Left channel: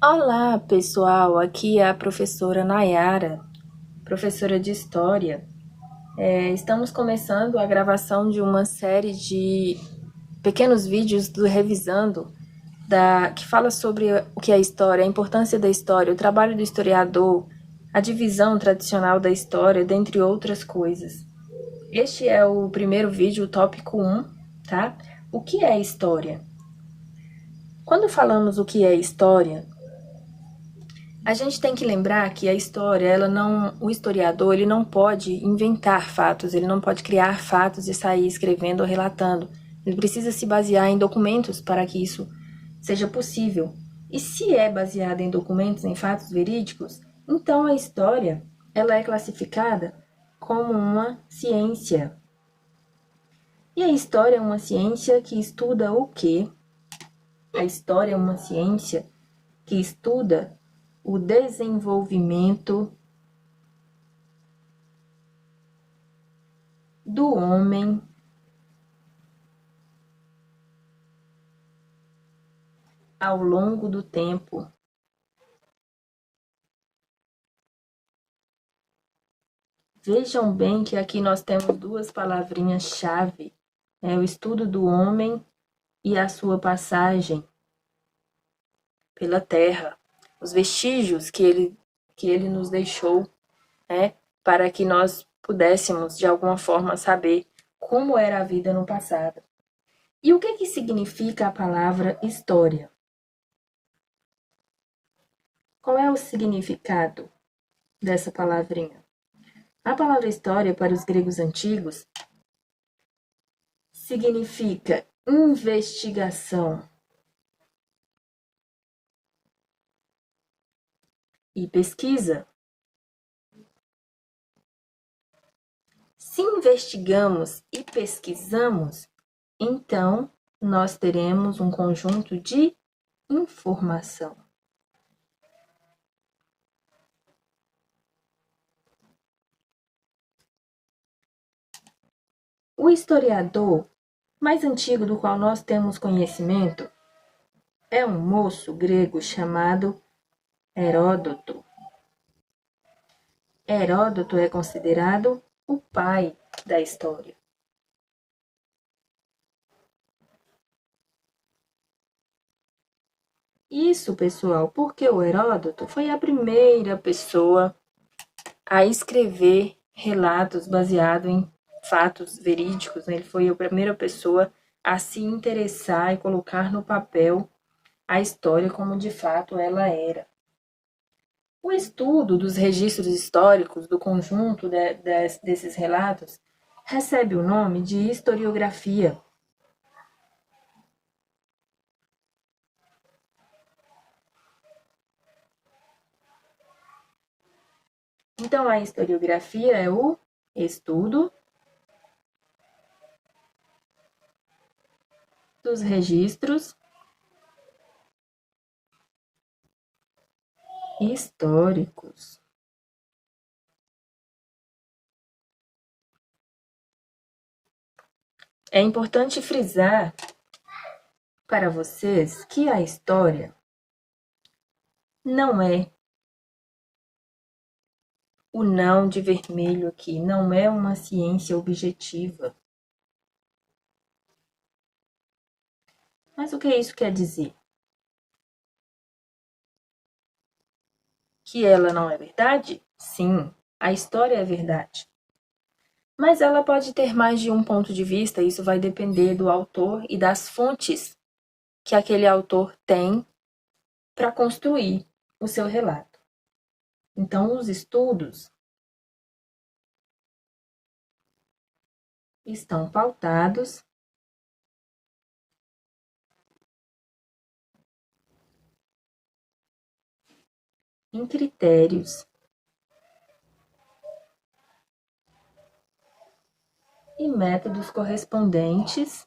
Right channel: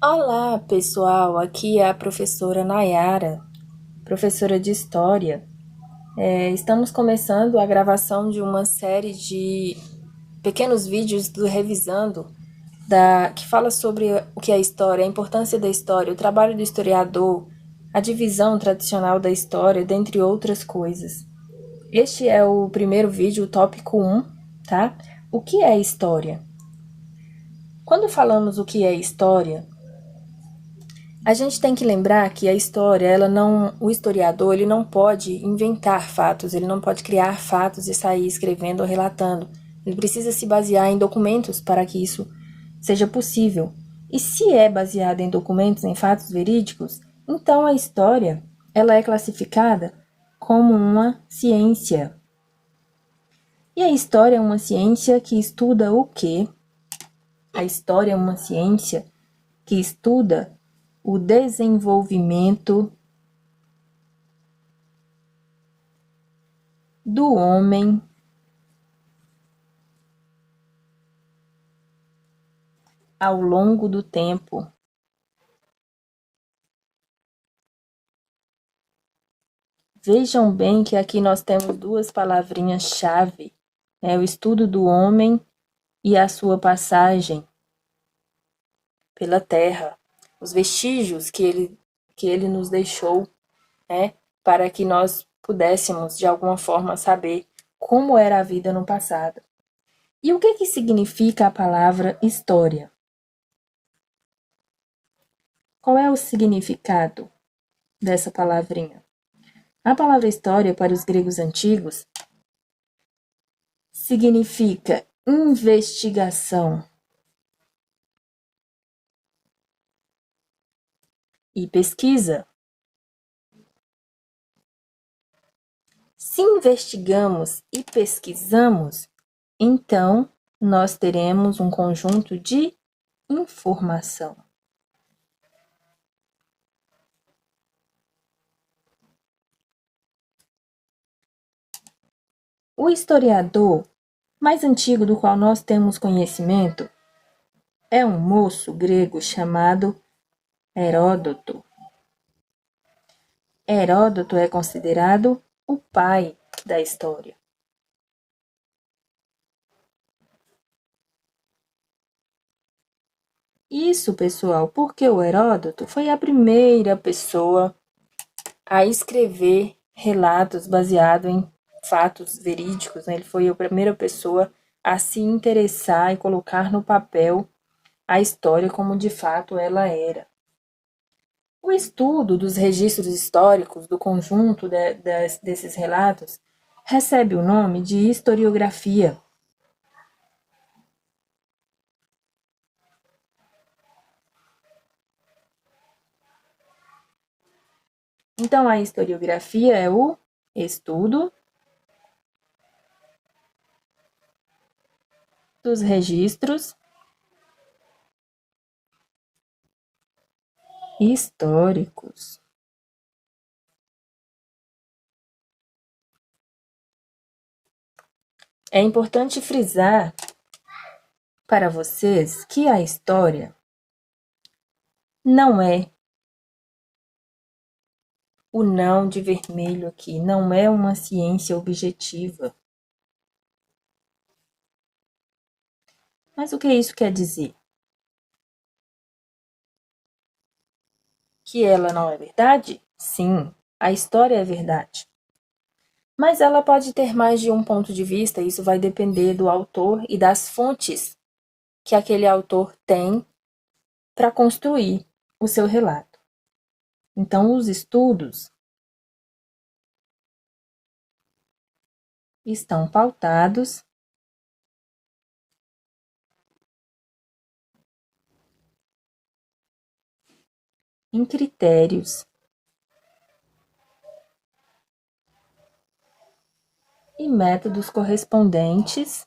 Olá, pessoal! Aqui é a professora Nayara, professora de História. Estamos começando a gravação de uma série de pequenos vídeos do Revisando, que fala sobre o que é história, a importância da história, o trabalho do historiador, a divisão tradicional da história, dentre outras coisas. Este é o primeiro vídeo, o tópico 1, tá? O que é história? Quando falamos o que é história, a gente tem que lembrar que a história, o historiador, ele não pode inventar fatos, ele não pode criar fatos e sair escrevendo ou relatando. Ele precisa se basear em documentos para que isso seja possível. E se é baseada em documentos, em fatos verídicos, então a história, ela é classificada como uma ciência. E a história é uma ciência que estuda o quê? A história é uma ciência que estuda o desenvolvimento do homem ao longo do tempo. Vejam bem que aqui nós temos duas palavrinhas-chave, o estudo do homem e a sua passagem pela Terra, os vestígios que ele nos deixou, para que nós pudéssemos, de alguma forma, saber como era a vida no passado. E o que significa a palavra história? Qual é o significado dessa palavrinha? A palavra história, para os gregos antigos, significa investigação e pesquisa. Se investigamos e pesquisamos, então nós teremos um conjunto de informação. O historiador mais antigo do qual nós temos conhecimento é um moço grego chamado Heródoto. Heródoto é considerado o pai da história. Isso, pessoal, porque o Heródoto foi a primeira pessoa a escrever relatos baseados em fatos verídicos, né? Ele foi a primeira pessoa a se interessar e colocar no papel a história como de fato ela era. O estudo dos registros históricos do conjunto desses relatos recebe o nome de historiografia. Então, a historiografia é o estudo dos registros históricos. É importante frisar para vocês que a história não é o não de vermelho aqui, não é uma ciência objetiva. Mas o que isso quer dizer? Que ela não é verdade? Sim, a história é verdade. Mas ela pode ter mais de um ponto de vista, isso vai depender do autor e das fontes que aquele autor tem para construir o seu relato. Então, os estudos estão pautados em critérios e métodos correspondentes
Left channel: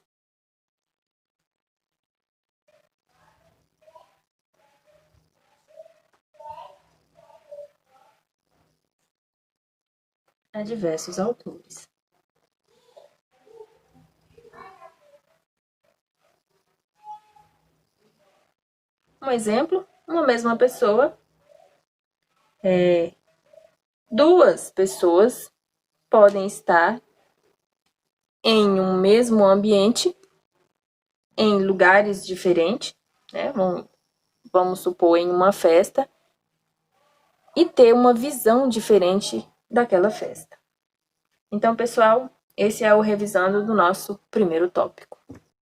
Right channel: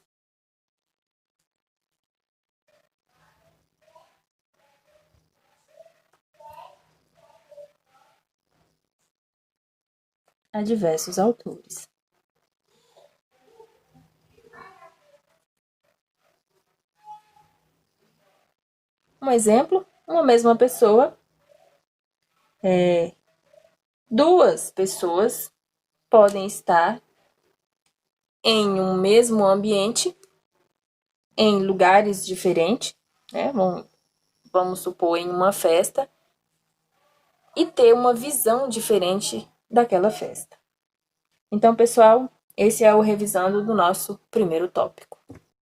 a diversos autores. Um uma mesma pessoa, duas pessoas podem estar em um mesmo ambiente, em lugares diferentes, né? Vamos supor, em uma festa, e ter uma visão diferente daquela festa. Então, pessoal, esse é o revisando do nosso primeiro tópico.